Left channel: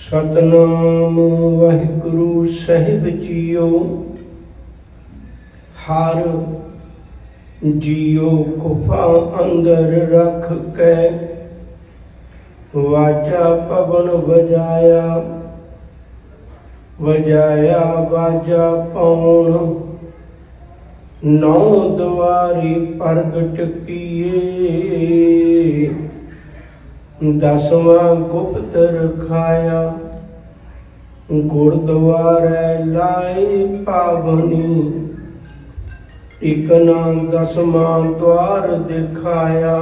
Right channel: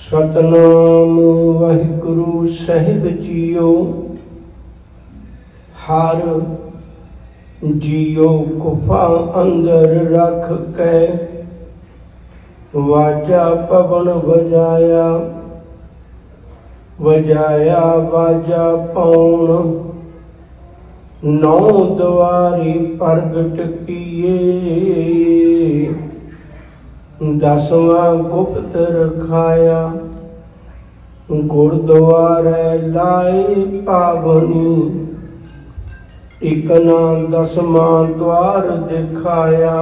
सतनाम वाहिगुरु साहिब जियो। हर जियो गुफा अंदर रख के वाजा पवन बजाया, वजाया वाजा पौन नौ द्वारी प्रगट किए। दसवां गुप्त रखाया, गुरुद्वारे लाए पावनी। इकना दसवां द्वार दिखाया,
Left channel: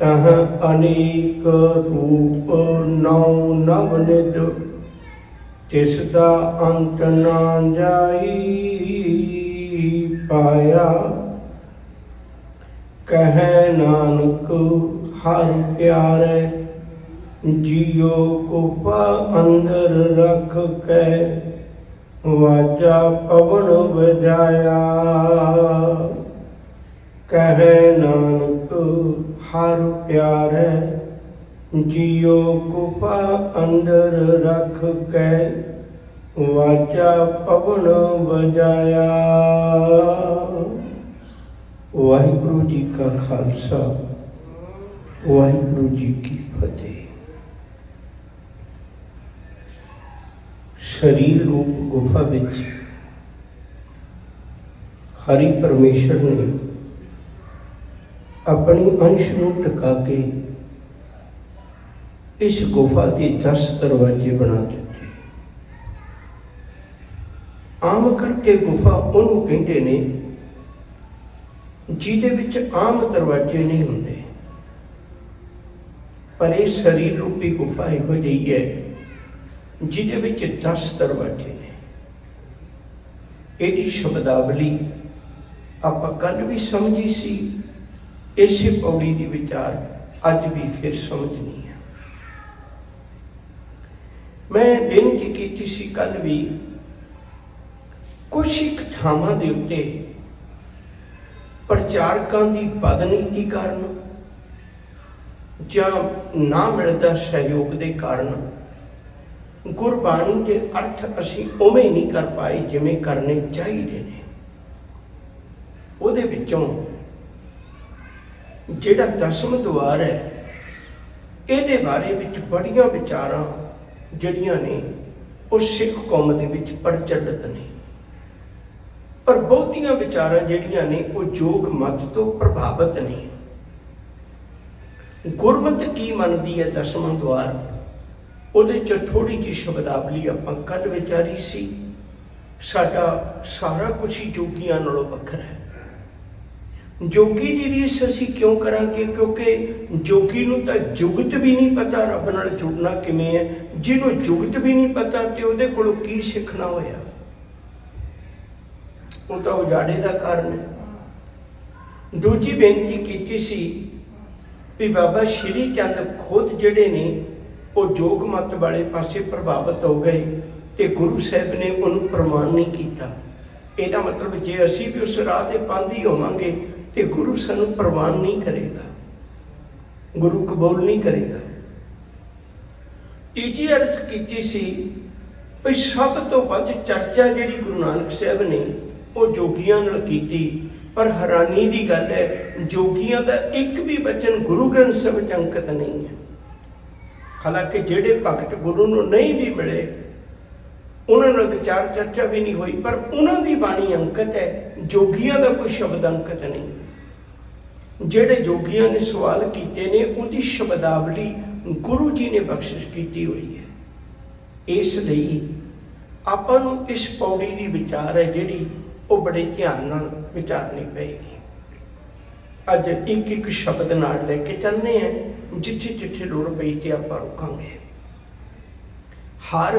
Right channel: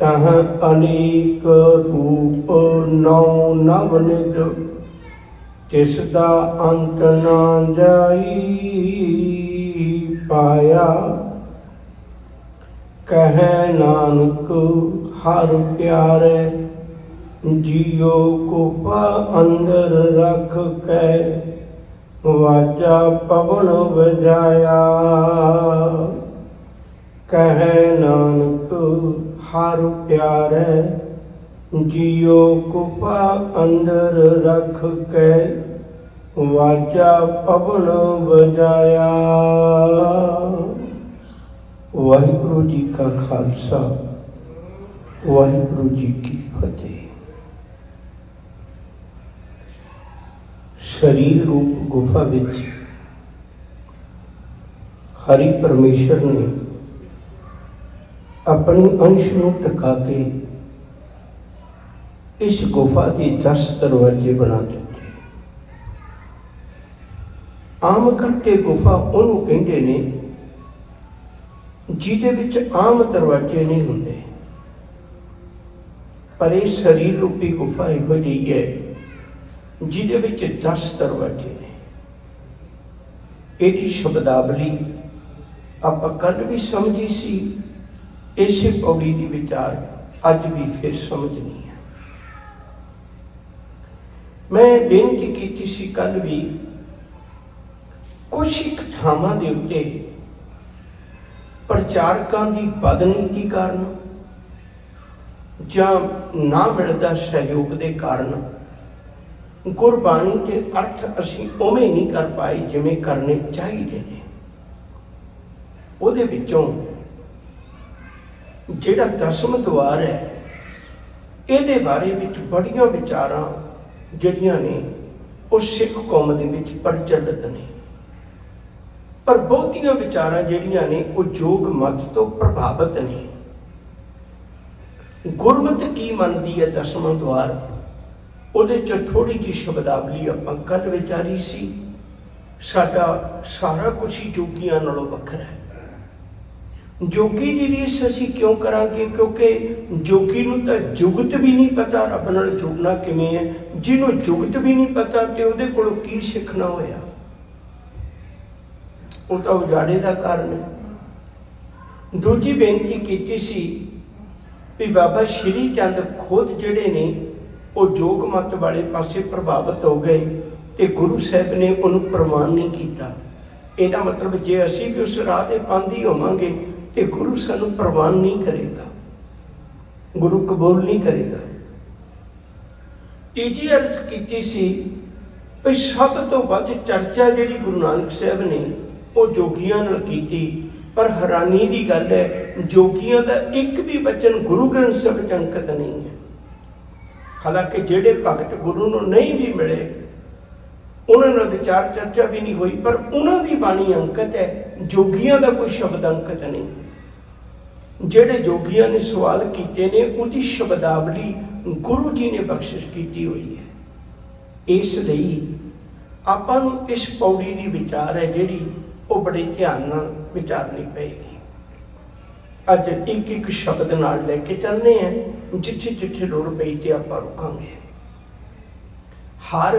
तह अनेक रूप नौ नवनिध। तिसदा अंत ना जाई पाया। कह नानक हर प्यारे, जियो गुफा अंदर रख के वाजा पवन बजाया। कह नानक हर प्यारे, जियो गुफा अंदर रख के वाजा पवन बजाया। वाहिगुरु जी का खालसा, वाहिगुरु जी की फतेह। शरीर रूप गुफा विच हरि परमेश्वर ने अपनी अंश नूं टका के इस गुफा के 10 दरवाजे बना दिते। आम करके गुफा उन्होंने कहते ने जिहदे विच आम दरवाजे नहीं होंदे, पर यह शरीर रूपी गुफा इहो जिही है जिहदे विच 10 दरवाजे ने। इहदी शब्दावली आपां कल भी समझी सी, इसे पौड़ी दी विचार अज भी फिर समझनी है। मैं बेनती की सी कल भी, कुछ एक थावां दे उत्ते प्रचारकों की बदनीति कारण जां ना मिलता सहयोग के कारण गुरबाणी के अर्थ असी उवें नहीं कर पाए जिवें करने चाहिए ने। उहदे विचों जिहड़ा 10वां द्वार है, इहदे बारे विच बड़ियां विचारां जिहड़ियां ने उस सिख कौम दे विच प्रचलित ने, पर बहुतियां विचारां जिहड़ियां ने वो जोग मत तो प्रभावित ने। गुरमत की मनदी है 10वां द्वार, उहदे च थोड़ी जी शब्दावली आपां कल विचारी सी। साडा सारा कुछ ही जोगियां नालों वखरा है। जोगी दी रीस असीं क्यों करांगे? क्योंकि जोगी नूं तां जुगत भी नहीं पता रब नाल जुड़ना किवें है। जिन्हों जुगत भी नहीं पता ते उहदे कोलों की सिखना होया, वो तो उजाड़े का कारण है। दूजी बेनती की सी भी बाबा श्री चंद खुद जिहड़े ने वो जोग मत वाले पासे प्रभावित हो गए ते गुरु साहब ने उन्होंने प्रमाण नहीं किया। ਇਹਦਾ मतलब जे असी भी उस राह के पांधी होवांगे तो गुरु सानू प्रवान नहीं करेगा, गुरु कबूल नहीं करेगा। तीजी अर्ज की सी भी सब तो वध चर्चा जिहड़ी गुरु नानक साहब ने वो जोगियां नाल कीती, पर हैरानी की गल है जोगियां दा एक भी वचन गुरु ग्रंथ साहिब च अंकित नहीं है। हालांकि जिहड़े भगत गुरु नूं नहीं भी मिले उन्होंने विचार चर्चा भी नहीं हुई, पर उन्होंने बाणी अंकित है, जोगियां का कोई शब्द अंकित नहीं। जेड़े जोगियां ने सवाल किए ने उसकी शब्दावली गुरु जी ने बख्शिश की हुई है। इसलिए आपां नूं इस पौड़ी की विचार है जिहड़ी वो बड़े ध्यान नाल विचारनी पेगी। अज एक एक शब्द नाल लेके चलने हैं, जिथे जिथे लोड़ पई ते आपां रुकांगे। हर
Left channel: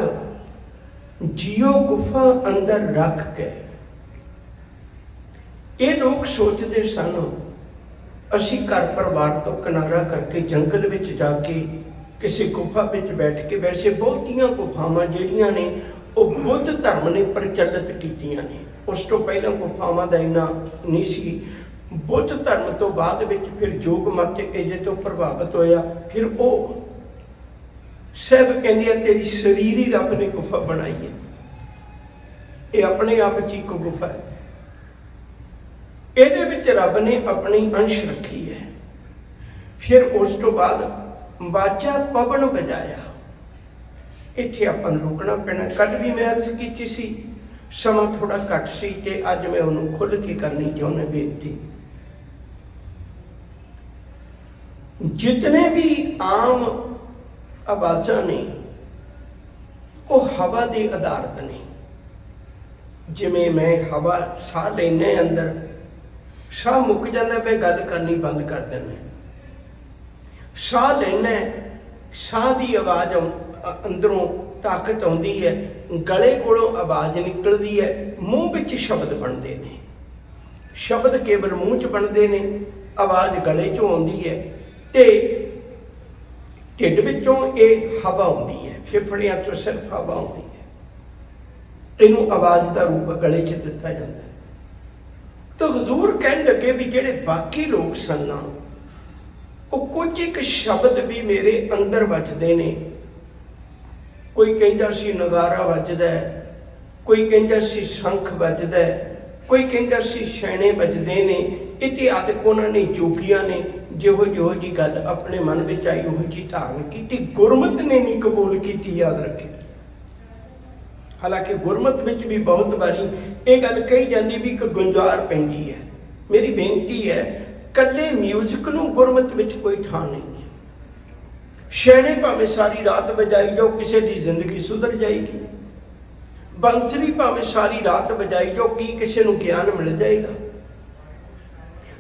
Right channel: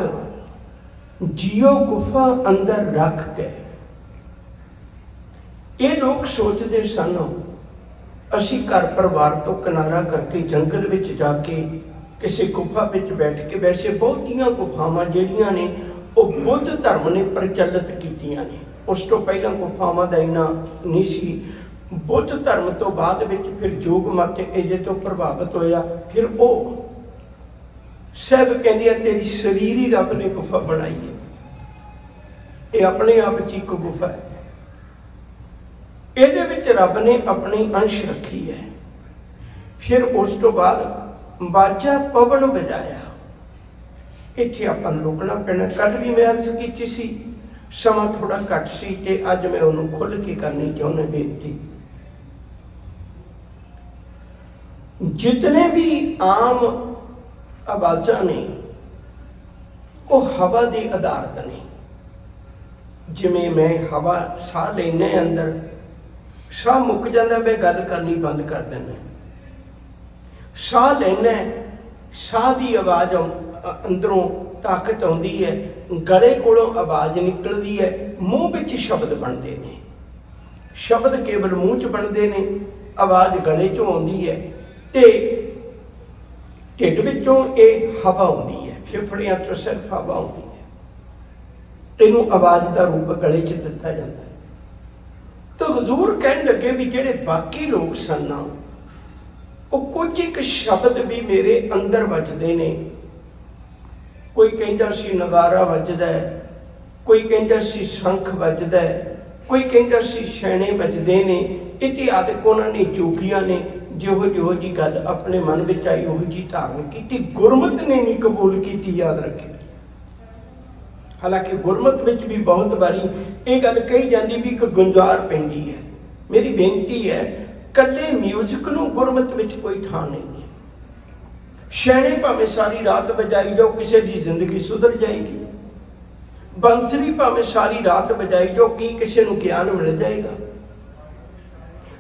जियो गुफा अंदर रख के ये लोग सोचते सन असी घर परिवार तो किनारा करके जंगल विच जाके किसी गुफा विच बैठ के, वैसे बहुतियां गुफावां जिहड़ियां ने वो बुद्ध धर्म ने प्रचलित कीतियां ने। उस तो पहला गुफावां दा इन्ना नहीं सी। बुद्ध धर्म तो बाद विच फिर जोग मत इजे तो प्रभावित होया, फिर वो ਸਾਹਿਬ ਕਹਿੰਦੀ ਹੈ तेरी शरीर ही रब ने गुफा बनाई है, ये अपने आप च एक गुफा है, ਇਹਦੇ ਵਿੱਚ ਰੱਬ ਨੇ ਆਪਣੀ अंश रखी है। फिर उस तो बाद बाजा पवन बजाया। इत्थे आपां नूं रुकना पैना। कल भी मैं अर्ज कीती सी, समा थोड़ा घट सी ते अज मैं उन्होंने खुल के करनी चाहुंदा बेनती। जितने भी आम आवाज़ां ने वो हवा के आधारित ने। जिमें मैं हवा साह लेने अंदर साह मुक जाता, मैं गल करनी बंद कर देना। साह लेना, साह की आवाज़ अंदरों ताकत आती है, गले कोलों आवाज़ निकलती है, मूँह विच शब्द बनते हैं। शब्द केवल मूँह च बनते हैं, आवाज़ गले चों आती है ते ढिड विचों ये हवा आती है, फेफड़ियां चों सिर्फ हवा आती है। इनू आवाज़ का रूप गले च दिता जाता है। तो हजूर कहन लगे भी जेड़े बाकी लोग सन वो कुछ एक शब्द भी मेरे अंदर वजदे ने। कोई कहता सी नगारा वजदा है, कोई कहता सी शंख वजदा है, कोई कहता सी छैने वजदे ने। इतिहास उन्होंने जोगियां ने जो जी गल अपने मन में आई वो जी धारण की, गुरमत ने नहीं कबूल की। याद रखे, हालांकि गुरमत में भी बहुत बारी ये गल कही जाती भी एक गुंजार पैंदी है। मेरी बेनती है, कल्ले म्यूजिक नूं गुरमत में कोई थां नहीं है। छैने भावें सारी रात बजाई जाओ, किसी की जिंदगी सुधर जाएगी। बंसरी भावें सारी रात बजाई जाओ, की किसी नूं ज्ञान मिल जाएगा।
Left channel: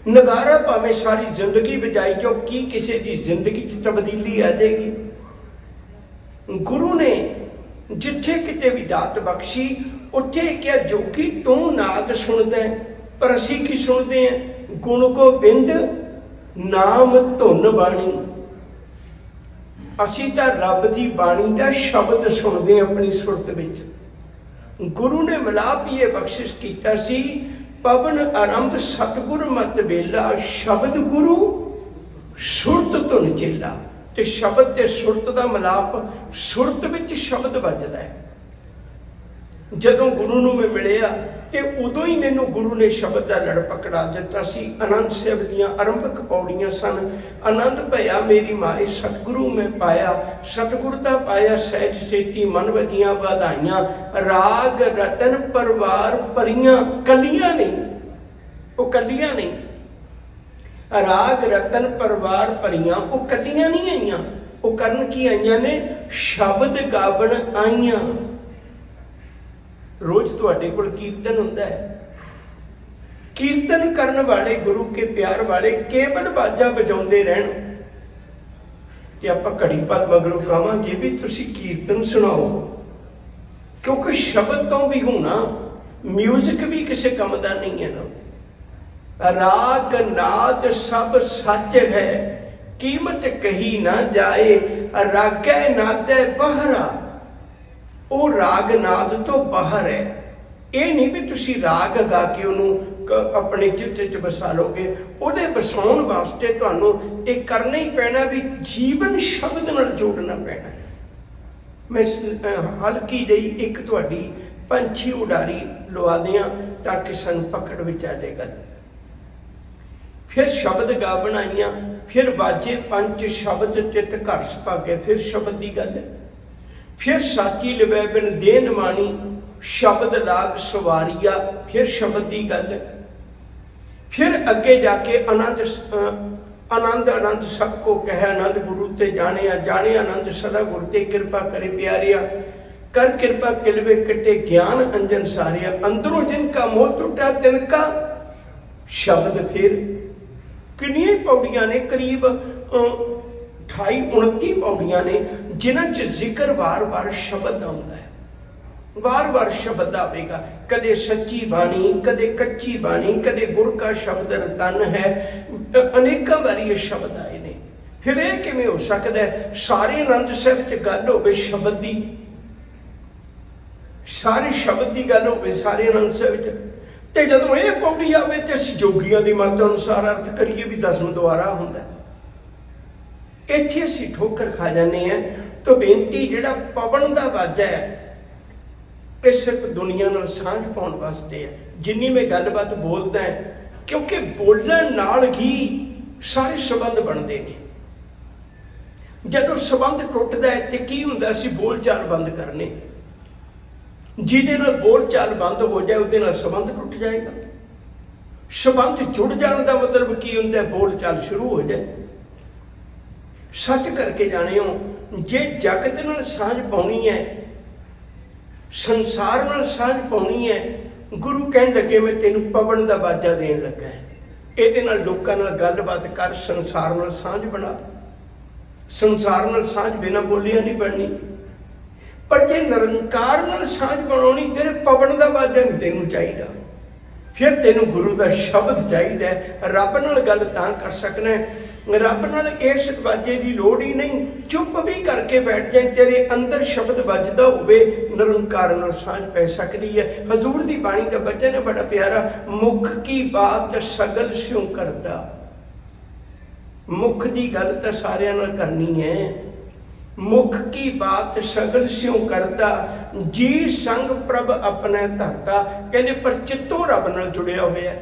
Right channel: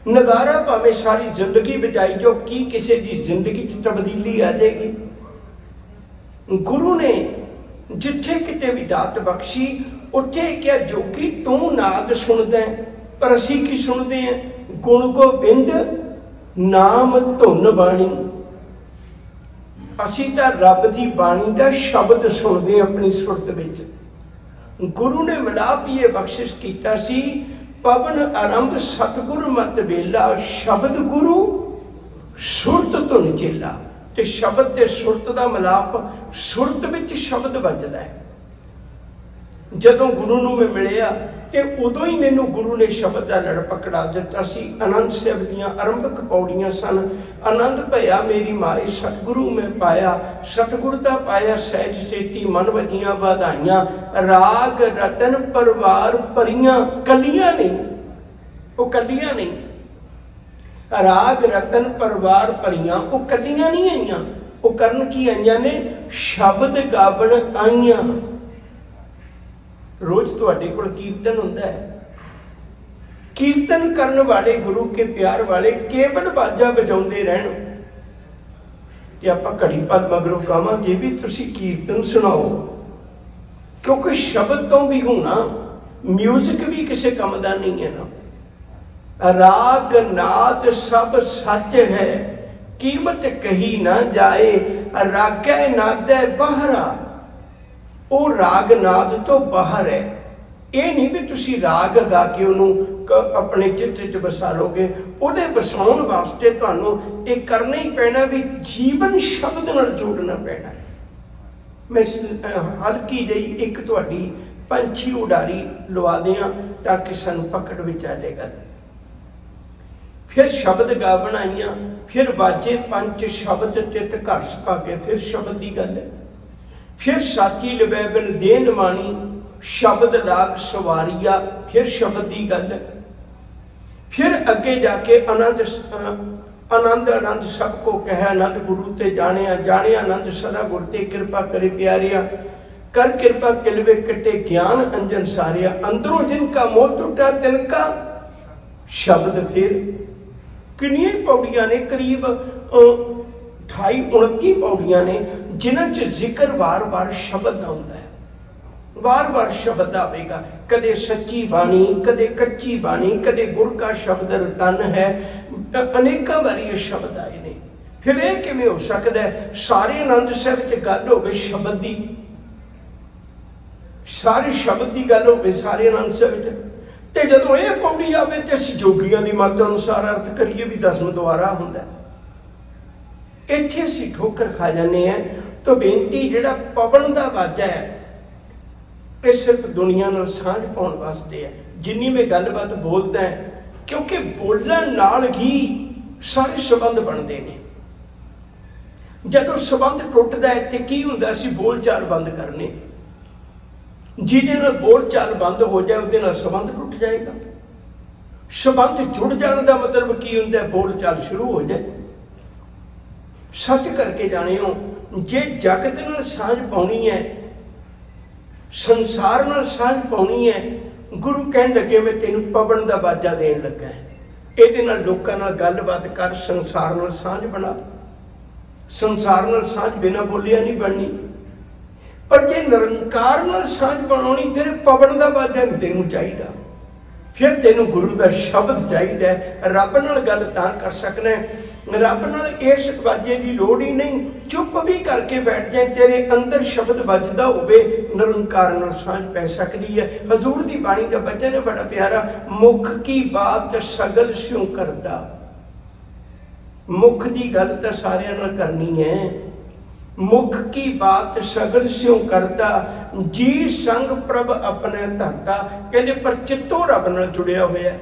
नगारा भावें सारी जिंदगी बजाई जाओ, की किसी की जिंदगी च तब्दीली आ जाएगी। गुरु ने जिथे किते भी दात बख्शी, उठे क्या जोगी तू नाद सुनदा है, पर असी की सुनते हैं? गुण गोबिंद नाम धुन बाणी। असी तो रब की बाणी का शब्द सुनते हैं अपनी सुरत विच। गुरु ने मिलाप ये बख्शिश किया सी, पवन आरंभ सतगुर मत बेला, शब्द गुरु सुरत धुन चेला। ते शब्द ते सुरत का मिलाप, सुरत विच शब्द बजदा है। जदों गुरु नूं मैं मिलिया ते उदों ही मैनूं गुरु ने शब्द का लड़ पकड़ा दिता सी। आनंद साहिब दीआं आरंभक पौड़ियां सन। आनंद भया मेरी माए सतगुरु में पाया, सतगुरता पाया सहज सेती, मन वजियां बधाइयां। राग रतन परवार परियां, कलियां नहीं, वो कलियां नहीं। राग रतन परवार परियां वो कलियां नहीं आईयां, वो करन की आईयां ने? शब्द गावण आईयां। रोज तुहाडे कोल कीर्तन हुंदा है, कीर्तन करन वाले गुरु के प्यार वाले केवल बाजा बजाउंदे रहण ते आपां घड़ी भर मगरों कहांगे भी तुसीं कीर्तन सुनाओ, क्योंकि शब्द तो भी होना, म्यूजिक भी किसी काम दा नहीं है ना। राग नाद सब सच है, कीमत कही ना जाए। रागै नादै बहरा, वो राग नाद तो बाहर है। ये नहीं भी तुसी राग गा के उन्होंने अपने चित्त च बसा लोगे। उहदे बसाउण वास्ते तुहानूं ये करना ही पैना भी जीवन शब्द नाल जोड़ना पैना। मैं हल्की जी एक तुहाडी पंछी उडारी लवा दियां ताकि सानूं पकड़ विच आ जाएगा। फिर शब्द गा बनाइया, फिर बाजे पंच शब्द चित घर सुभागे, फिर शब्द की गल है। फिर साची लवै बिन देन मानी, शब्द लाग सवारिया, फिर शब्द की गल है। फिर अगे जाके आनंद आनंद आनंद सबको कह, आनंद गुरु ते जाने जाने आनंद सदा गुरु ते कृपा करे प्यारिया। कर कृपा किलवे कटे ज्ञान अंजन सारिया। अंदरों जिनका मोह टूटा तिनका शब्द। फिर कितनी पौड़ियां ने? करीब 28-29 पौड़ियां ने, जिन्हां च जिक्र वार वार शब्द आउंदा है। वार वार शब्द आवेगा, कदे सच्ची बाणी, कदे कच्ची बाणी, कदे गुर का शब्द रतन है। अनेक बारी ये शब्द आए ने। फिर यह किवें हो सकता है? सारे आनंद साहिब च गल होवे शब्द की, सारे शब्द की गल होवे सारे आनंद साहिब च, ते जदों ये पौड़ी आवे ते असीं जोगियां दी मत अनुसार अर्थ करिए भी 10वां द्वारा हुंदा। इत्थे असीं ठोकर खा जाने हैं। तो बेनती जिहड़ा पवन दा वाजा है ये सिर्फ दुनिया नाल सांझ पाउण वास्ते है। जिन्नी मैं गलबात बोलदा है क्योंकि बोलण नाल ही सारे संबंध बनते हैं। जदों संबंध टुटदा है तो की हुंदा, असीं बोल चाल बंद करने, जिहदे नाल बोल चाल बंद हो जाए उहदे नाल संबंध टुट जाएगा। संबंध जुड़ जाने का मतलब की हुंदा है, बोल चाल शुरू हो जाए। सच करके जानियो, जे जगत नाल सांझ पाउणी है, संसार नाल सांझ पाउणी है, गुरु कहण लगे मैं तैनूं पवन दा बाजा देण लगा है, इहदे नाल लोकां नाल गलबात कर, संसार नाल सांझ बना। संसार नाल सांझ बिना बोलिया नहीं बननी, पर जे निरंकार नाल सांझ बनाउणी फिर पवन दा बाजा नहीं तैनूं चाहीदा, फिर तैनूं गुरु दा शब्द चाहीदा है। रब नाल गल तां कर सकना है, रब नाल इस बाजे की लोड़ ही नहीं। चुप भी करके बैठ जाए, तेरे अंदर शब्द बजदा होवे, निरंकार नाल सांझ पै सकदी है। हजूर दी बाणी दा वचन है बड़ा प्यारा, मुख की बात सगल स्यों करदा। मुख की गल तो सारियां नाल करनी है, मुख की बात सगल स्यों करता, जी संग प्रभ अपने धरता। कहते पर चित्तों रब नाल जुड़िया होया,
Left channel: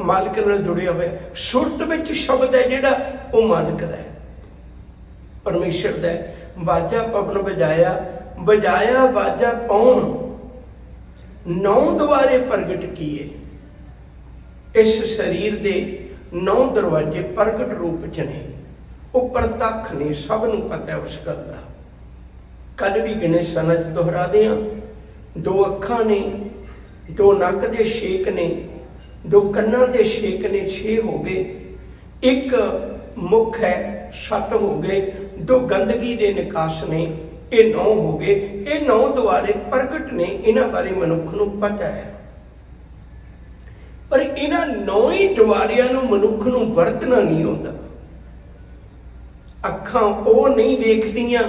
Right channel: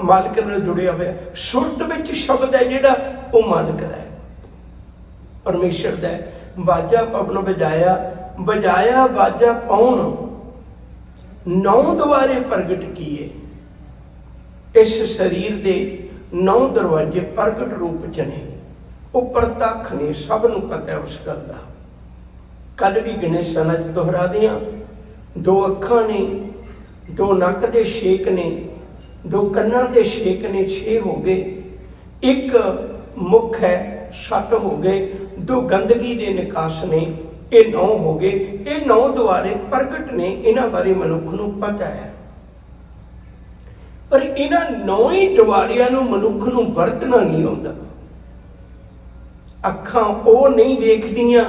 मालिक नाल जुड़िया होया। सुरत विच शब्द है जिहड़ा वो मालिक दा है, परमेश्वर दा है। बाजा पवन बजाया, बजाया बाजा पौन, 9 द्वारे प्रगट किए। इस शरीर दे 9 दरवाजे प्रगट रूप च ने, वो प्रतख ने, सब नूं पता है उस गल का। कल भी गिने सना च दोहरा दियां, 2 अखां ने, 2 नक दे छेक ने, 2 कन्नां दे छेक ने, 6 हो गए। 1 मुख है, 7 हो गए। 2 गंदगी दे निकास ने, ये 9 हो गए। ये 9 द्वारे प्रगट ने, इन्हां बारे मनुख नूं पता है। पर इन्हां 9 ही द्वारियां नूं मनुख नूं वरतना नहीं आउंदा। अखां वो नहीं वेखदियां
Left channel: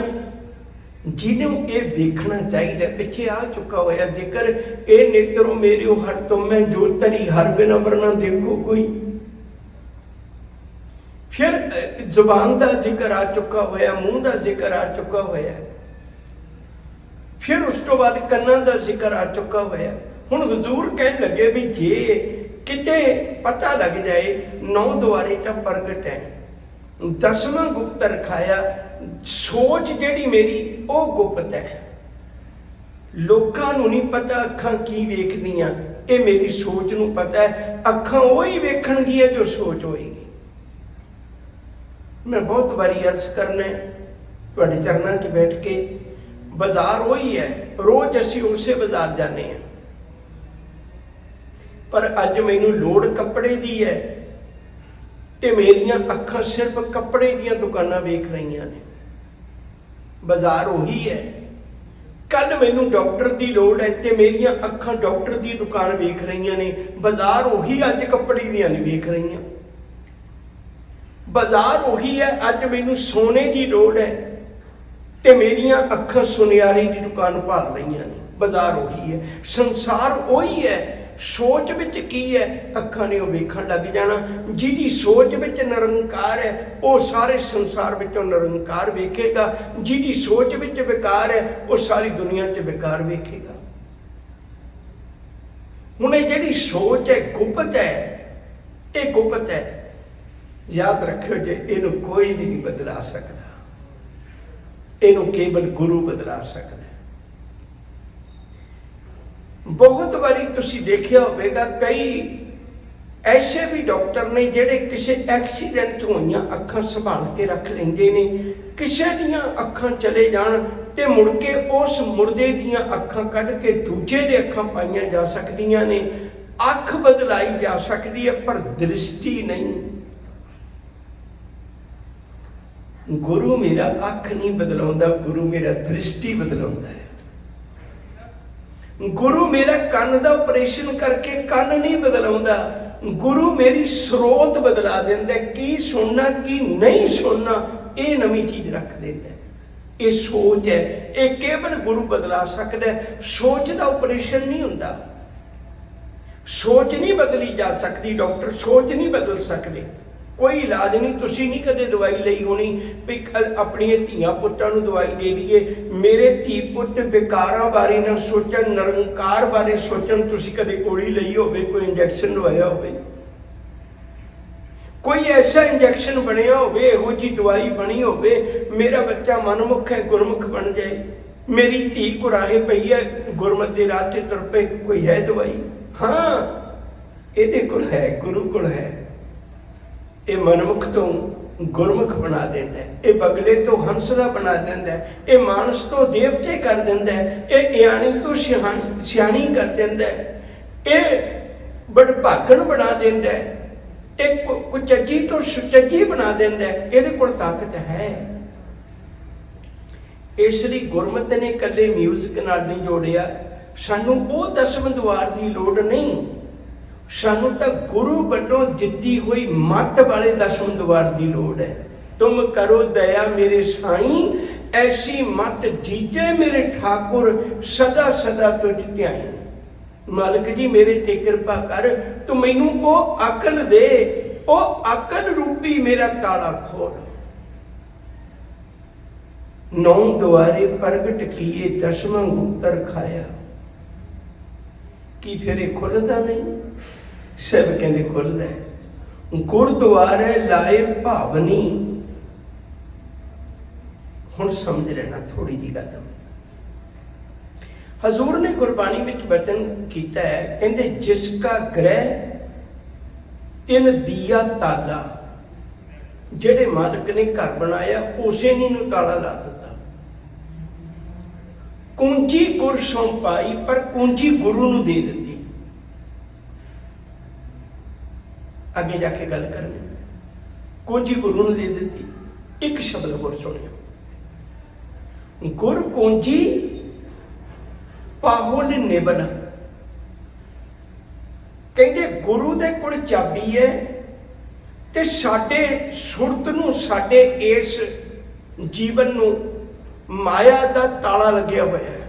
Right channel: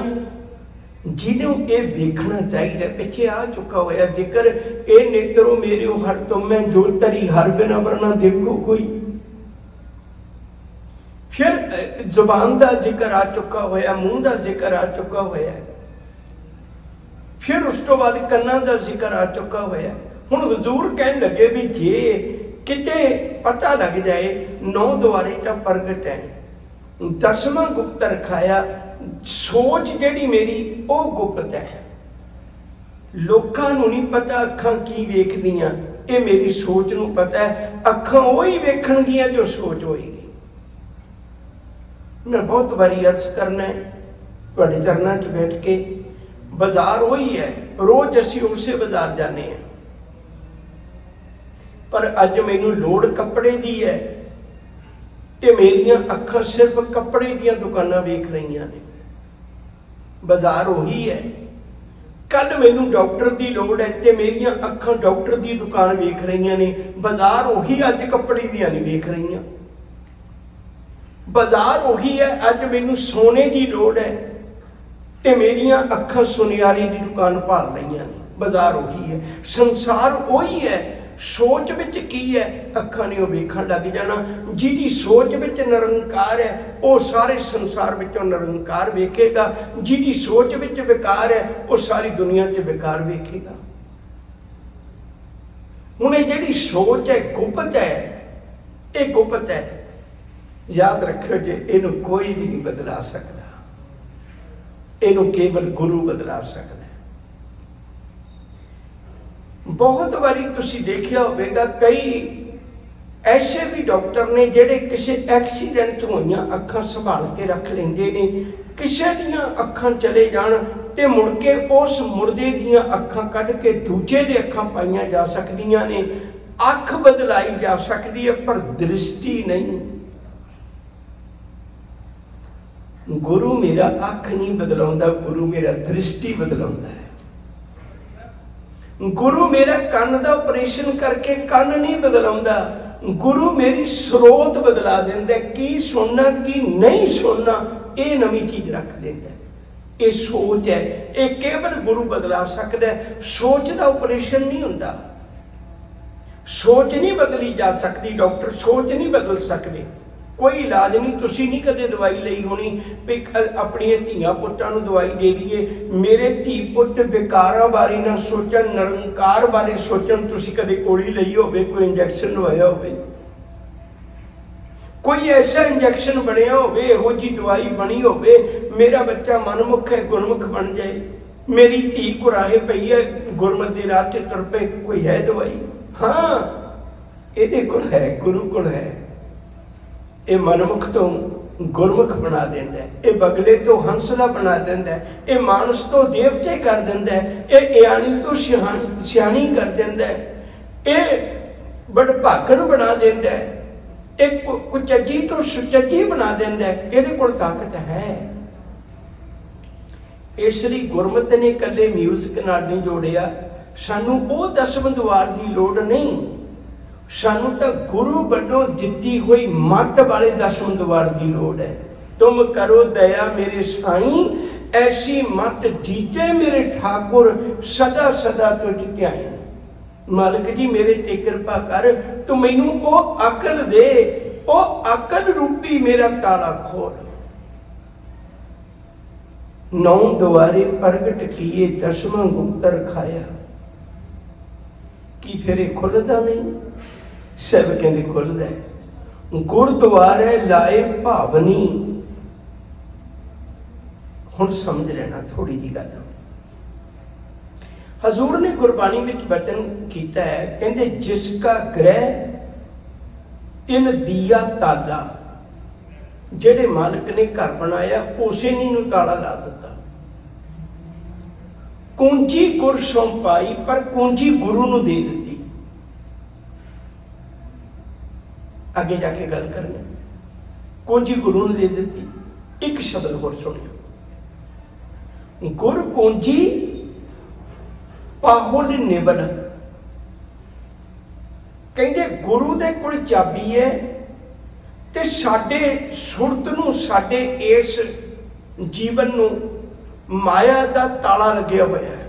जिन्हों ये वेखना चाहिए। पिछे आ चुका होया जिक्र, ए नेत्रो मेरे हर तुम मैं जो तरी हर बिना वरना देखो कोई। फिर जुबान का जिक्र आ चुका होया, मुंह का जिक्र आ चुका होया, फिर उस तो बाद कन्नां का जिक्र आ चुका होया। हुण हजूर कहन लगे भी जे किते पता लग जाए 9 द्वारे तो प्रगट है, 10वां गुप्त रखाया। सोच जिहड़ी मेरी वो गुप्त है, लोकां नूं नहीं पता अखां की वेखदियां, ये मेरी सोच नूं पता है। अखां वही वेखणगियां जो सोच होएगी। मैं बहुत बारी अर्ज करना है तुहाडे चरनां 'च बैठ के, बाजार वही है, रोज असीं उसे बाजार जाने हैं, पर अज मैनूं लोड़ कपड़े दी है ते मेरियां अखां सिर्फ कपड़े दीयां दुकानां वेख रहीआं ने। बाजार वही है। कल मैनूं डॉक्टर की लोड़ है ते मेरियां अखां डॉक्टर की दुकान वेख रहीआं ने। बाजार वही अज कपड़े दीयां नहीं वेख रहीआं। बाजार वही है, अज मैनूं सोने की लोड़ है ते मेरियां अखां सुनियारे की दुकान भाल रहीआं ने। बाजार वही है, संसार वही है। सोच विच की है, अखां ने वेखण लग जाना। जिहदी सोच विच निरंकार है वो सारे संसार विचों निरंकार वेखेगा, जिहदी सोच विच विकार है वो सारी दुनिया च विकार वेखेगा। हुण ये जिहड़ी सोच है गुप्त है, ये गुप्त है। याद रखियो जे इहनूं कोई भी नहीं बदला सकदा, इहनूं केवल गुरु बदला सकदा। बहुत बारी तुसी देखिया होवेगा, कई ऐसे भी डॉक्टर ने जिहड़े किसी एक्सीडेंट होईयां अखां संभाल के रख लेंदे ने। किसी दीयां अखां चले जाण ते मुड़ के उस मुर्दे दीयां अखां कढ के दूजे दे अखां पाईयां जा सकदियां ने। अख बदलाई जा सकदी है पर दृष्टि नहीं। गुरु मेरा अख नहीं बदलाउंदा, गुरु मेरा दृष्टि बदलाउंदा है। गुरु मेरा कन का ऑपरेशन करके कन नहीं बदलाउंदा, गुरु मेरी स्रोत बदला देंदा। की सुनना की नहीं सुनना ये नवी चीज रख देंदा। ये सोच है, ये केवल गुरु बदला सकदा है। सोच का ऑपरेशन नहीं हुंदा, सोच नहीं बदली जा सकती। डॉक्टर सोच नहीं बदल सकते, कोई इलाज नहीं। तुसी नहीं कदे दवाई लई होनी भी अपनी धीआं पुत्तां नूं दवाई दे दईए। मेरे धी पुत्त विकारां बारे ना सोचण, निरंकार बारे सोचण। तुसी कदे गोली लई होवे, कोई इंजैक्शन लवाया होवे, कोई ऐसा इंजैक्शन बनया होवे, इहो जी दवाई बनी होवे, मेरा बच्चा मनमुख है गुरमुख बन जाए, मेरी धी कुराहे पई है गुरमत दे राह ते तुर पे, कोई है दवाई? हाँ, इहदे कोल है, गुरु कोल है। ये मनमुख तो गुरमुख बना देंदा है, ये बगले तो हंसला बना देंदा है, ये मानस तो देवते कर देंदा है, ये इयाणी तो सियाणी कर देंदा है, ये बड़भागण बना देंदा है, एक कुचजी तो सुचजी बना देंदा है। इहदे कोल ताकत है। इसलिए गुरमत ने कल्ले म्यूजिक नाल नहीं जोड़िया। सानू वो दसम द्वार की लोड़ नहीं, सानू तो गुरु वल्लों दिती हुई मत वाले दसम द्वार की लोड़ है। तुम करो दया मेरे साईं, ऐसी मत दीजे मेरे ठाकुर, सदा सदा तुझ ध्याई। मालिक जी मेरे ते कृपा कर, तू मैनू वो अकल दे, वो अकल रूपी मेरा ताला खोल। नौ द्वारे प्रगट किए, दसवां गुप्तर खाया। की फिर खुलता नहीं? सब कहते खुलता है। गुरुद्वारे लाए भावनी। हुण समझ लेना थोड़ी जी गल। हजूर ने गुरबाणी में वचन किया है, कहते जिसका ग्रह तिन दिया ताला। जेड़े मालिक ने घर बनाया उसे नहीं नूं ताला ला दिता। कुंजी गुर सौंपाई, पर कुंजी गुरु नूं दे दी। आगे जाके गल करनी। कुंजी गुरु नूं दे दी। एक शब्द होर सुनियो, गुर कुंजी पाहुल निबल। कहते गुरु दे कोल चाबी है ते साडे सुरत नूं, साडे इस जीवन नूं माया दा ताला लग्या होया है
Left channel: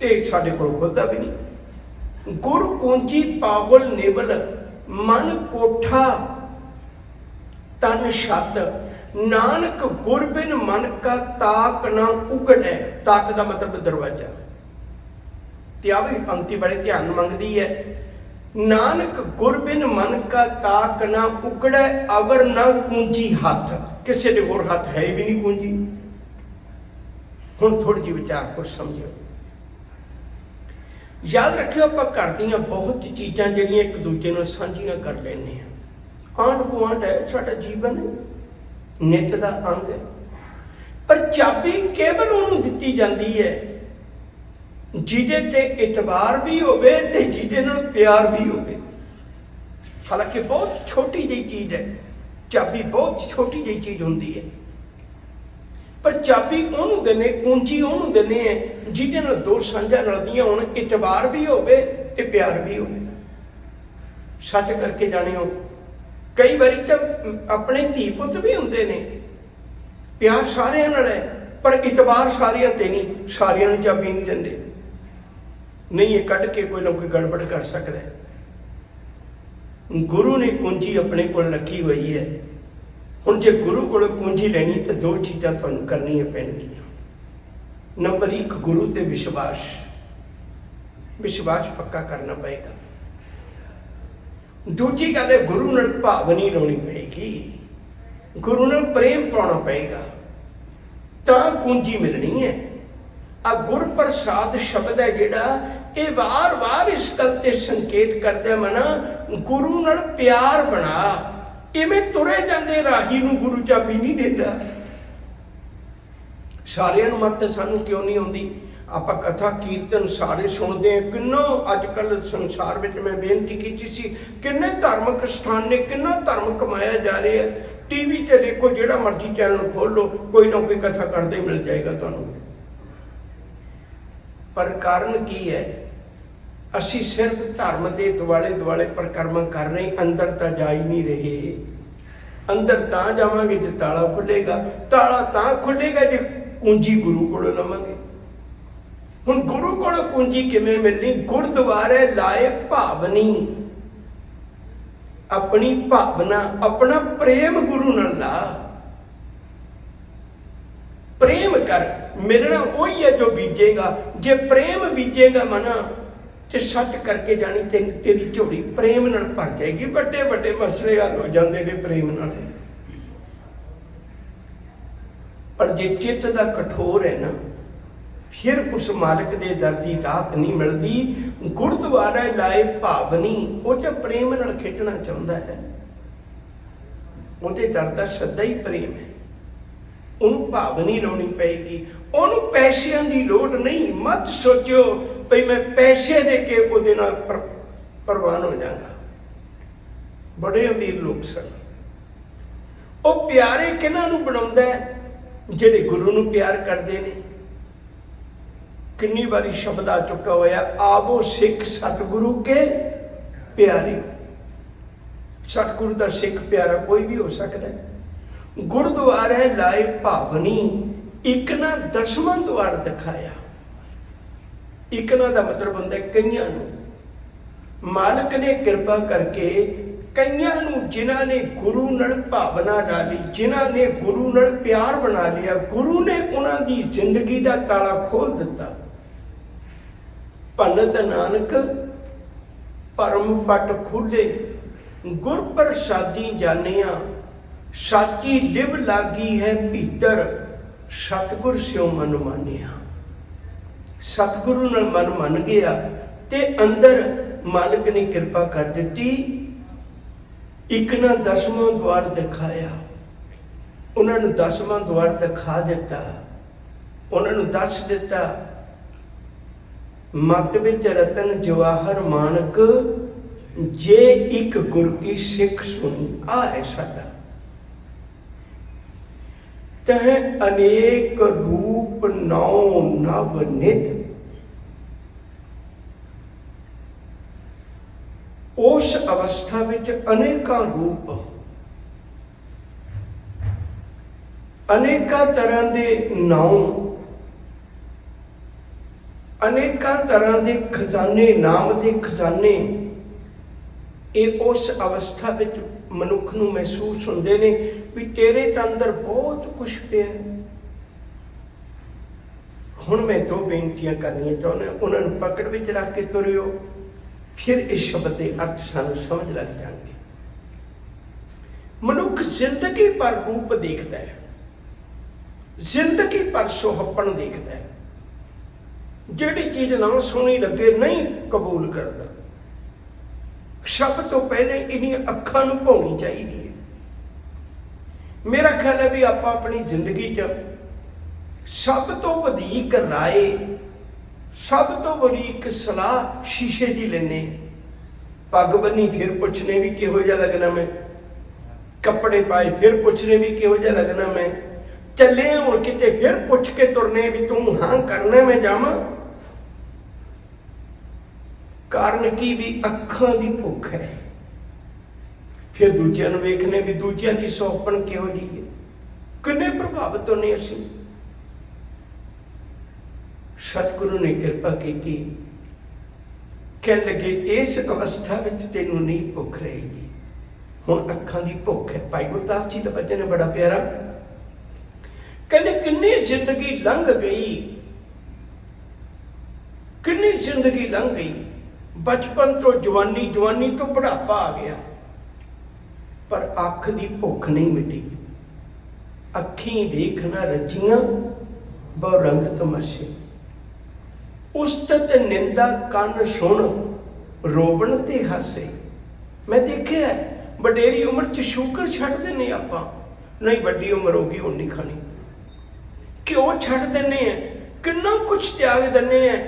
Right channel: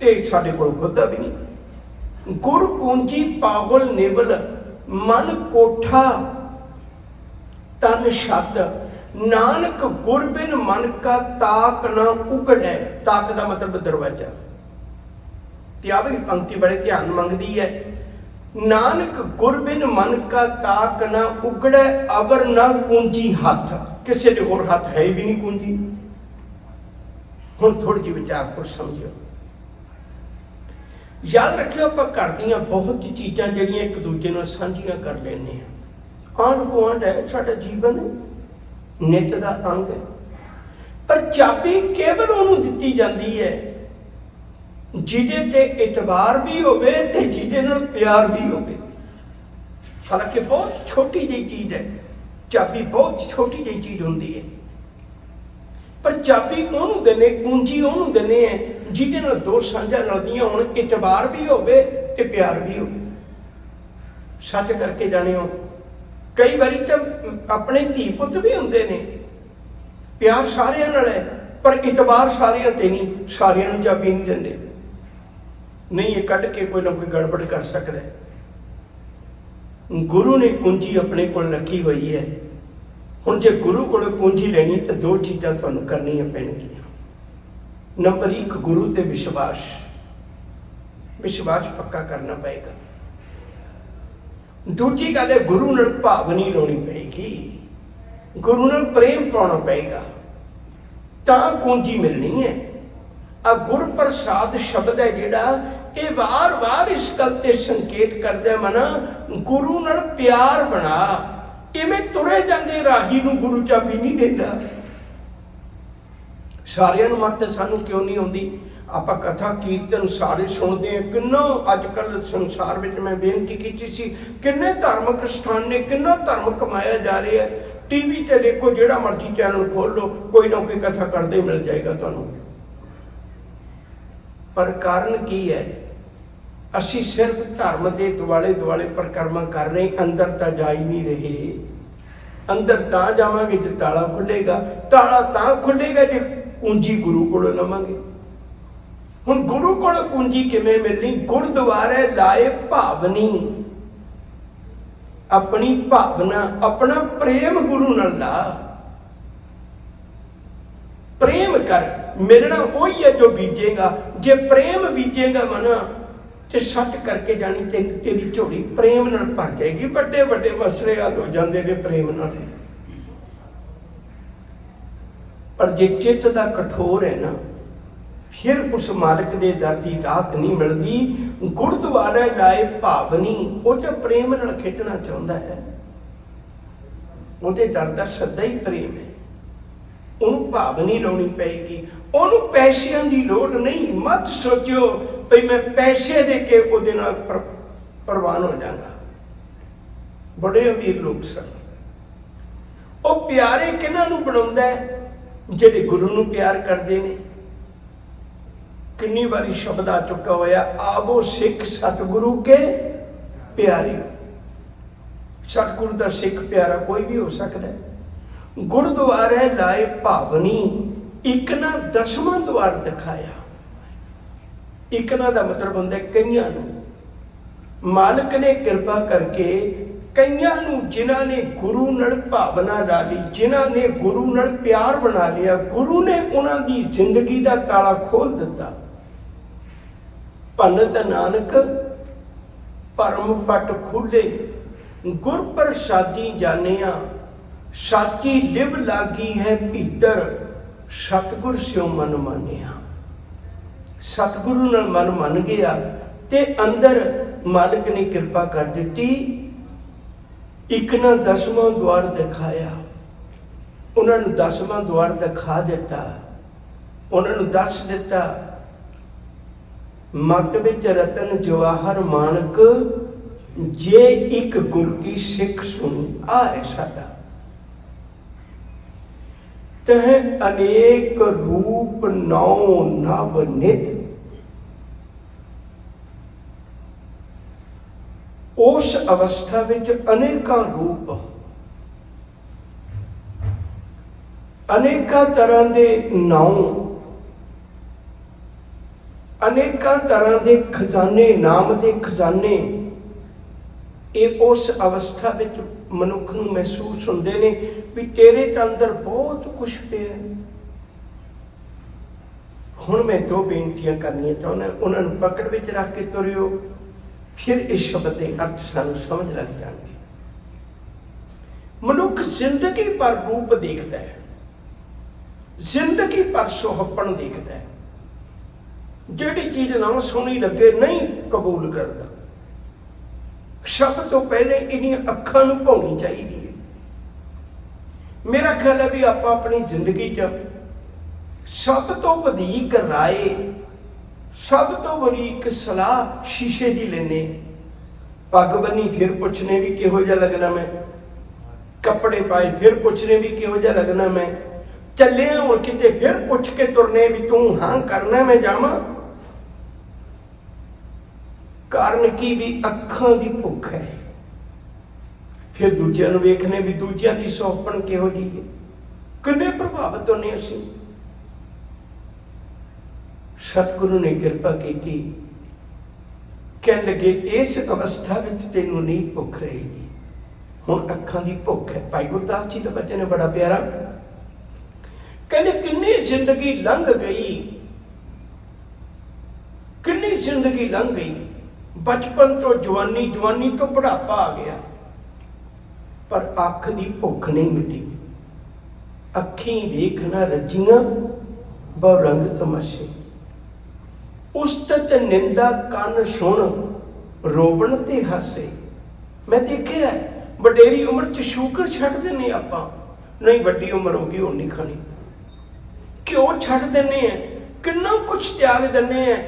ते साडे कोल खुलदा भी नहीं। गुर कुंजी पाहुल निबल, मन कोठा तन छत। नानक गुर बिन मन का ताक ना उगड़े। ताक का मतलब दरवाजा। आ भी पंक्ति बड़े ध्यान मंगती है। नानक गुर बिन मन का ताक ना उगड़े, अवर ना कुंजी हाथ। किसी के होर हाथ है भी नहीं कुंजी। हुण थोड़ी जी विचार को समझो। याद रखियो, आप घर दी बहुत चीज़ां जिहड़ियां एक दूजे नाल सांझियां कर लैंदे आ। आंढ गुआंढ है साडा जीवन, नित दा अंग है, पर चाबी केवल उन्होंने दिती जाती है जिहदे ते इतबार भी होवे ते जिहदे नाल प्यार भी होवे। हालांकि बहुत छोटी जी चीज़ है, चाबी बहुत छोटी जी चीज़ होंदी है, पर चाबी उन्होंने देने, कुंजी उन्होंने देने हैं जिहदे नाल दो सांझा रलदियां होण, इतबार भी होवे ते प्यार भी होवे। सच करके जाणियो, कई बारी तो अपने धी पुत भी होंदे ने, प्यार सारियां नाल है, पर इतबार सारियां ते नहीं, सारियां नूं चाबी नहीं दिंदे। नहीं, ये कट के कोई ना कोई गड़बड़ कर सकता है। गुरु ने कुंजी अपने कोल रखी हुई है। हुण जे गुरु कोल कुंजी लेनी तो दो चीज़ां तुहानूं करनियां पैणगियां। नंबर एक, गुरु ते विश्वास। विश्वास पक्का करना पएगा। दूजी गल है, गुरु नाल भावनी लाउणी पएगी, गुरु नाल प्रेम पाउणा पएगा, तां कुंजी मिलनी है। आ गुर प्रसाद शब्द है जिहड़ा, ये वार वार इस गल ते संकेत करदा मना, गुरु नाल प्यार बना। इवें तुरे जांदे राही नूं गुरु चाबी नहीं देंदा। सारियां नूं मत सानूं क्यों नहीं आउंदी? आपां कथा कीर्तन सारे सुनते हैं। किन्ना अजकल संसार में, मैं बेनती की सी, किन्ने धार्मिक स्थान ने, किन्ना धर्म कमाया जा रहा है। टीवी ते देखो, जिहड़ा मर्जी चैनल खोल लो, कोई ना कोई कथा करते मिल जाएगा तुहानूं। पर कारण की है? असी सिर्फ धर्म के दुआले दुआले परिक्रमा कर रहे, अंदर तो जा ही नहीं रहे। अंदर तां जावांगे जे ताला खुलेगा, ताला तां खुलेगा जे कुंजी गुरु कोलों लवांगे। हुण गुरु कोलों कुंजी किवें मिलनी? गुरुद्वारे लाए भावनी। अपनी भावना, अपना प्रेम गुरु नाल ला। प्रेम कर, मिलना वही है जो बीजेगा। जे प्रेम बीजेगा मना ते सच करके जानी तेरी झोली प्रेम नाल भर जाएगी। बड़े बड़े मसले हल हो जाते ने प्रेम नाल। पर जे चित्त दा कठोर है ना, फिर उस मालिक दे दर दी दात नहीं मिलती। गुरुद्वारे लाए भावनी वो तो प्रेम नाल खिंचना चाहता है, ਉਹਦੇ दर दा सदा ही प्रेम है। ਉਹਨੂੰ भावनी लानी पेगी, ਉਹਨੂੰ पैसों की लोड़ नहीं। मत सोचो भाई मैं पैसे दे के ਉਹਦੇ ਨਾਲ प्रवान हो जाऊंगा। बड़े अमीर लोग सन, वो प्यारे किन्हां नूं बनाउंदा है? ਜਿਹੜੇ गुरु नूं प्यार करते हैं। कितनी बारी शब्द आ चुका होया, आवो सिख सतगुरु के प्यारे। सतगुरु का सिख प्यारा कोई भी हो सकता है। गुरुद्वारे लाए भावनी, एक ना 10वां द्वार दिखाया। एक ना का मतलब होंदा है कईयां नूं मालिक ने कृपा करके कईयां नूं जिन्हां ने गुरु नाल भावना ला ली, जिन्हां ने गुरु नाल प्यार बना लिया, गुरु ने उन्हां दी जिंदगी का ताला खोल दिता। भनत नानक परम फट खुले, गुर प्रसादी जानिया, साची लिव लागी है भीतर, सतगुर स्यों मन मानिया। सतगुरु नाल मन मन गया ते अंदर मालिक ने कृपा कर दी। एक ना 10वां द्वार दिखाया, उन्होंने 10वां द्वार दिखा दिता। उन्होंने दस दिता, मत विच रतन जवाहर मानक, जे एक गुर की सिख सुनी। आ है साडा तह अनेक रूप नौ नव नित। उस अवस्था विच अनेका रूप, अनेका तरह के नाम, अनेका तरह के खजाने, नाम के खजाने, ये उस अवस्था विच मनुख नूं महसूस होंदे ने भी तेरे ते अंदर बहुत कुछ पिया। हुण मैं 2 बेनतियां करनियां चाहुंदा, उन्हां नूं पकड़ विच रख के तुरियो, फिर इस शब्द के अर्थ सानूं समझ लग जाएंगे। मनुख जिंदगी पर रूप देखता है, जिंदगी पर सुहपन देखता है। जिहड़ी चीज ना सोहनी लगे नहीं कबूल करता। सब तो पहले इन्हीं अखां नूं भौनी चाहिए। मेरा ख्याल है भी आप अपनी जिंदगी च सब तो वधीक राय, सब तो वधीक सलाह शीशे की लेने। पग बनी फिर पुछने भी किहो जिहा लगना मैं, कपड़े पाए फिर पुछने भी किहो जिहा लगना मैं, चले हुण किते फिर पुछ के तुरने भी तू हाँ करना मैं जावां। कारण की भी अखां दी भुख है। फिर दूजिਆਂ ਨੂੰ ਵੇਖਨੇ भी दूजिਆਂ ਦੀ ਸੌਪਣ ਕਿਹੋ ਜਿਹੀ है, किन्ने प्रभावित होने असीं। सतगुरु ने कृपा की, कह लगे इस अवस्था विच तैनूं नहीं भुख रहेगी, हुण अखां दी भुख है। भाई गुरदास जी का बचन है बड़ा प्यारा, कहने किन्नी जिंदगी लंघ गई, किन्नी जिंदगी लंघ गई। बचपन तो जवानी, जवानी तो बुढ़ापा आ गया, पर अख की भुख नहीं मिटी। अखी देखना रजियां बहु रंग तमाशे, उस्तत निंदा कन सुन रोबण ते हासे। मैं देखिया वडेरी उम्र च शुगर छड्ड दिंदे आपां, नहीं वड्डी उम्र हो गई हुण नहीं खानी, क्यों छड्ड दिंदे आ, किन्ना कुछ त्याग दिंदे आ।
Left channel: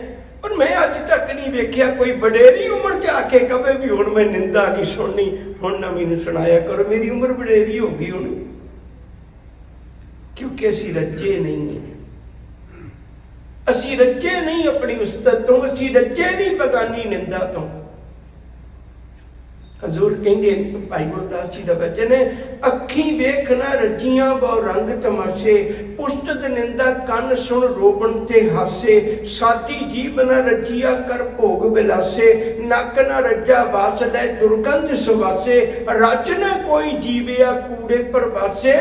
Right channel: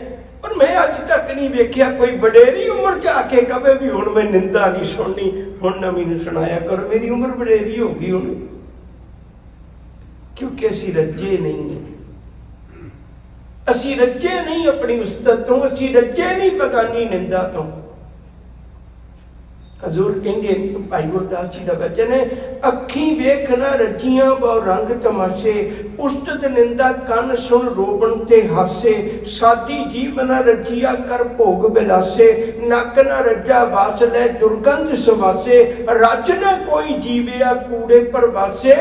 पर मैं अज तक नहीं वेख्या कोई वडेरी उम्र च आके कहे भी हुण मैं निंदा नहीं सुननी, हुण ना मैनूं सुनाया करो, मेरी उम्र वडेरी हो गई हुण। क्योंकि असीं रज्जे नहीं है, असीं रज्जे नहीं अपनी उस्तत तो, असीं रज्जे नहीं बगानी निंदा तो। हजूर कहते भाई गुरदास जी का वचन है, अखी वेख न रजियां बहु रंग तमाशे, उस्तत निंदा कन सुन रोबन ते हासे, सादी जीव न रजिया कर भोग बिलासे, नक न रजा वास लै दुर्गंध सवासे, रज न कोई जीविया कूड़े परवासे,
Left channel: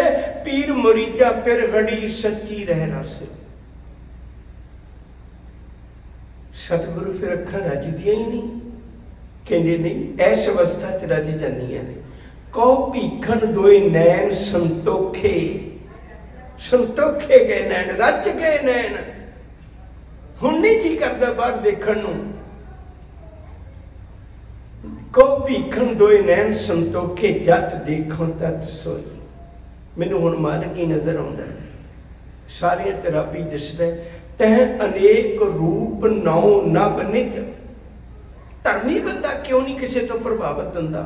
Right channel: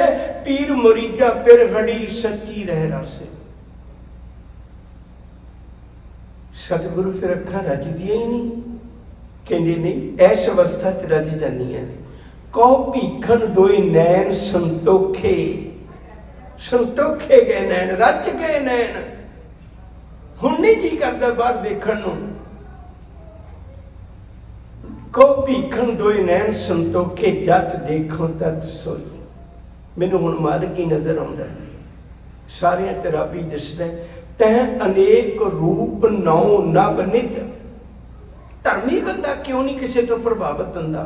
पीर मुरीदा पिर घड़ी सच्ची रह रासे। सतगुरु फिर अखा रजदियां ही नहीं, कहते नहीं ऐस अवस्था च रज जानियां ने। कहो भीखन दोए नैन संतोखे, संतोखे गए नैन, रज गए नैन, हुण नहीं जी करदा बाहर देखण नूं। कहो भीखन दोए नैन संतोखे, जत देखो तत सोई। मैनूं हुण मालिक ही नजर आउंदा, सारियां च रब ही दिसदा। तह अनेक रूप नौ नभ नित, धर्मी बंदा क्यों नहीं किसी तो प्रभावित होंदा?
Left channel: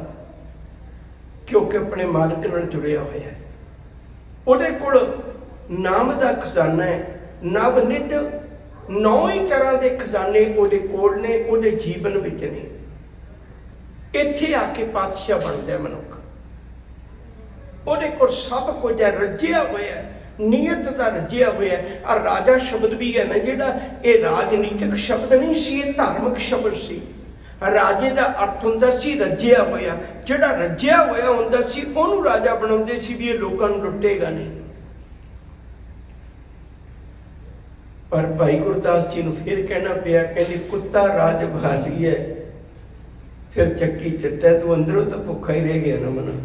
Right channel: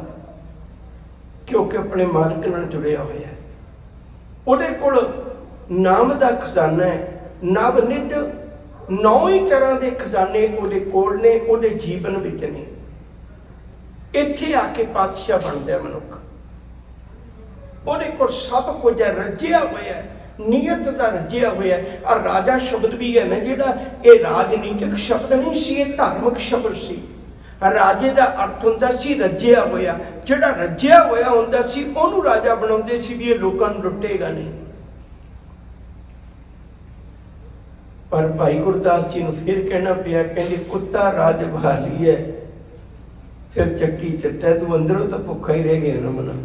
क्योंकि अपने मालिक नाल जुड़िया होया है। उहदे कोल नाम दा खजाना है, नभ नित, 9 ही तरह के खजाने उहदे कोल ने, उहदे जीवन विच ने। इत्थे आके पातशाह बनदा मनुख, उहदे कोल सब कुछ है, रजिया होया है, नीयत का रजिया होया है। और राजा शब्द भी है ना जिहड़ा, ये राजनीतिक शब्द नहीं सी, ये धार्मिक शब्द सी। राजे का अर्थ होंदा सी रजिया होया, जिहड़ा रजिया होया होंदा सी उहनूं राजा बनाउंदे सी भी ये लोकां नूं लुटेगा नहीं। पर भाई गुरदास जी नूं फिर कहना पिया, कहंदे कुत्ता राज भाली है, फिर चक्की चट्टा, तू अंदरों तो भुखा ही रह गया ना मना।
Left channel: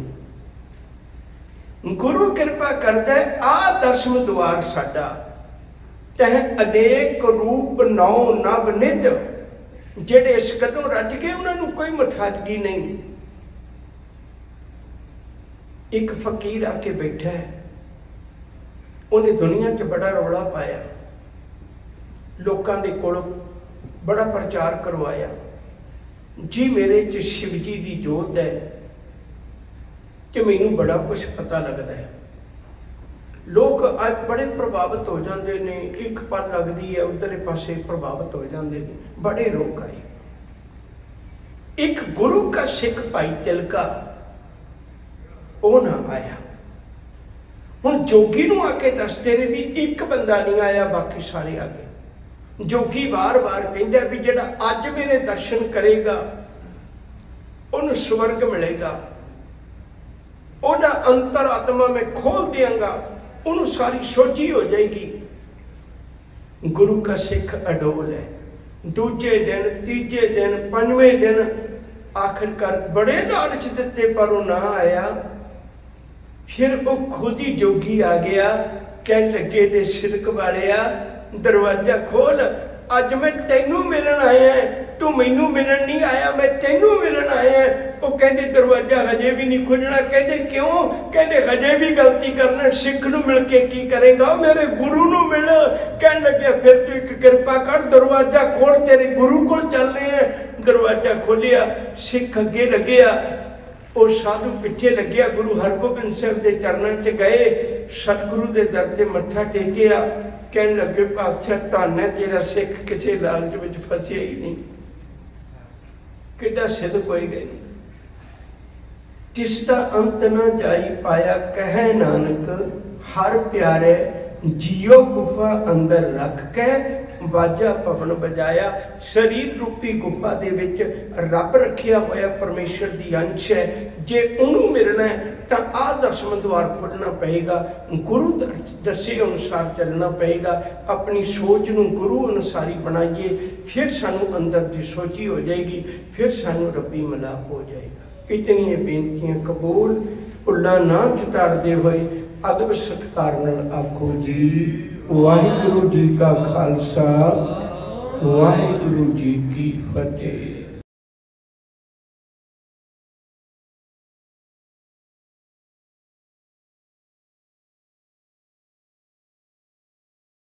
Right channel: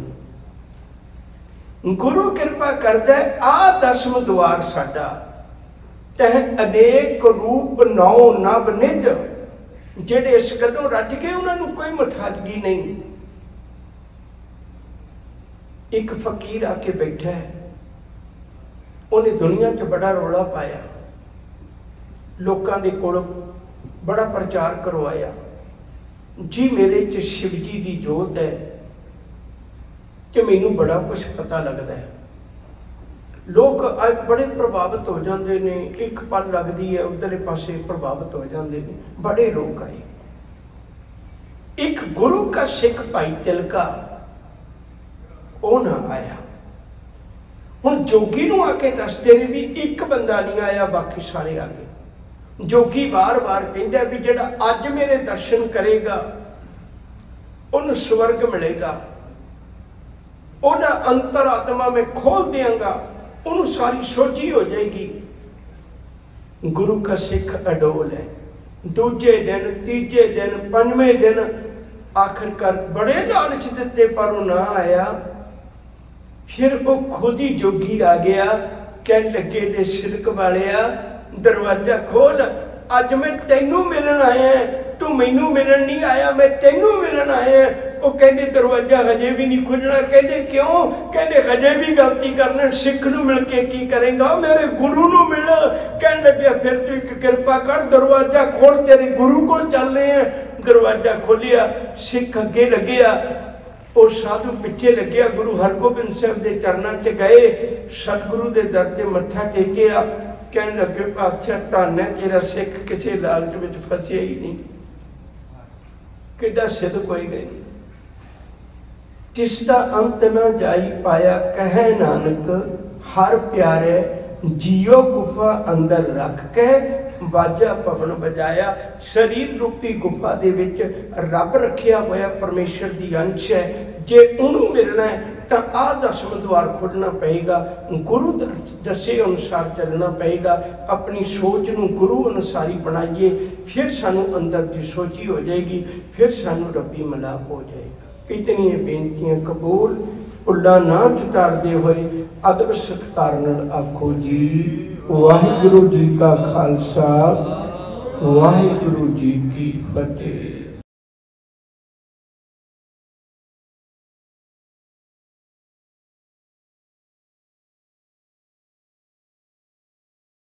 गुरु कृपा करदा है, आ 10वां द्वार साडा, तह अनेक रूप नौ नभ निध, जेड़े इस गलों रज गए उन्होंने कोई मुठाजगी नहीं। एक फकीर आके बैठा है, उन्हें दुनिया च बड़ा रौला पाया, लोगों के कोल बड़ा प्रचार करवाया जी मेरे च शिव जी की जोत है, कि मैनू बड़ा कुछ पता लगता है। लोग आज बड़े प्रभावित हो जाते हैं, एक पल लगती है उधरले पासे प्रभावित हो जाते हैं, बड़े लोग आए। एक गुरु का सिख भाई तिलका वो ना आया। हुण जोगी नूं आके दसदे ने भी एक बंदा नहीं आया, बाकी सारे आ गए। जोगी बार बार कहंदा भी जिहड़ा अज मेरे दर्शन करेगा उन्हें स्वर्ग मिलेगा, ओदा अंतर आत्मा में खोल देंगा, उन्हें सारी सोची हो जाएगी। गुरु का सिख अडोल है। दूजे दिन, तीजे दिन, 5वें दिन आखिरकार बड़े लालच दिते पर वो ना आया। फिर वो खुद ही जोगी आ गया, कह लगे ने सिरक वालिया दरवाजा खोल, अज मैं तेनू मिलन आया, तू मैनू मिलन नहीं आया, मैं तेनू मिलन आया। वो कहते दरवाजा हजे भी नहीं खुलना। कहते क्यों? कहते हजे भी गलती करना, सिख नूं मिल के की करेगा, मेरे गुरु नूं मिल। कहने लगे फिर तू एक कृपा कर, दरवाजा खोल, तेरे गुरु को चलने हैं। दरवाजा खोलिया, सिख अगे लग्या, वो साधु पिछे लग्या। गुरु हरगोबिंद साहब के चरणों च गए, सतगुरु के दर से मत्था टेकिया। कहने लगे पातशाह धन है तेरा सिख, किसी लालच में फसिया ही नहीं, किड्डा सिद्ध कोई गए। जिसका अंत न जाई पाया, कहे नानक हर प्यारे, जियो गुफा अंदर रख के बाजा पवन बजाया। शरीर रूपी गुफा दे विच रब रखिया होया परमेश्वर दी अंश है। जे उन्होंने मिलना है तो आ 10वां द्वार खोलना पएगा, गुरु दसे अनुसार चलना पएगा। अपनी सोच नूं गुरु अनुसार ही बनाइए, फिर सानू अंदर की सोची हो जाएगी, फिर सानू रब्बी मिलाप हो जाएगा। इतनी बेनतियां कबूल, उल्ला ना चटारदे होए अदब सत्कार नाल आखो जी वाहिगुरु जी का खालसा, वाहिगुरु जी की फतेह।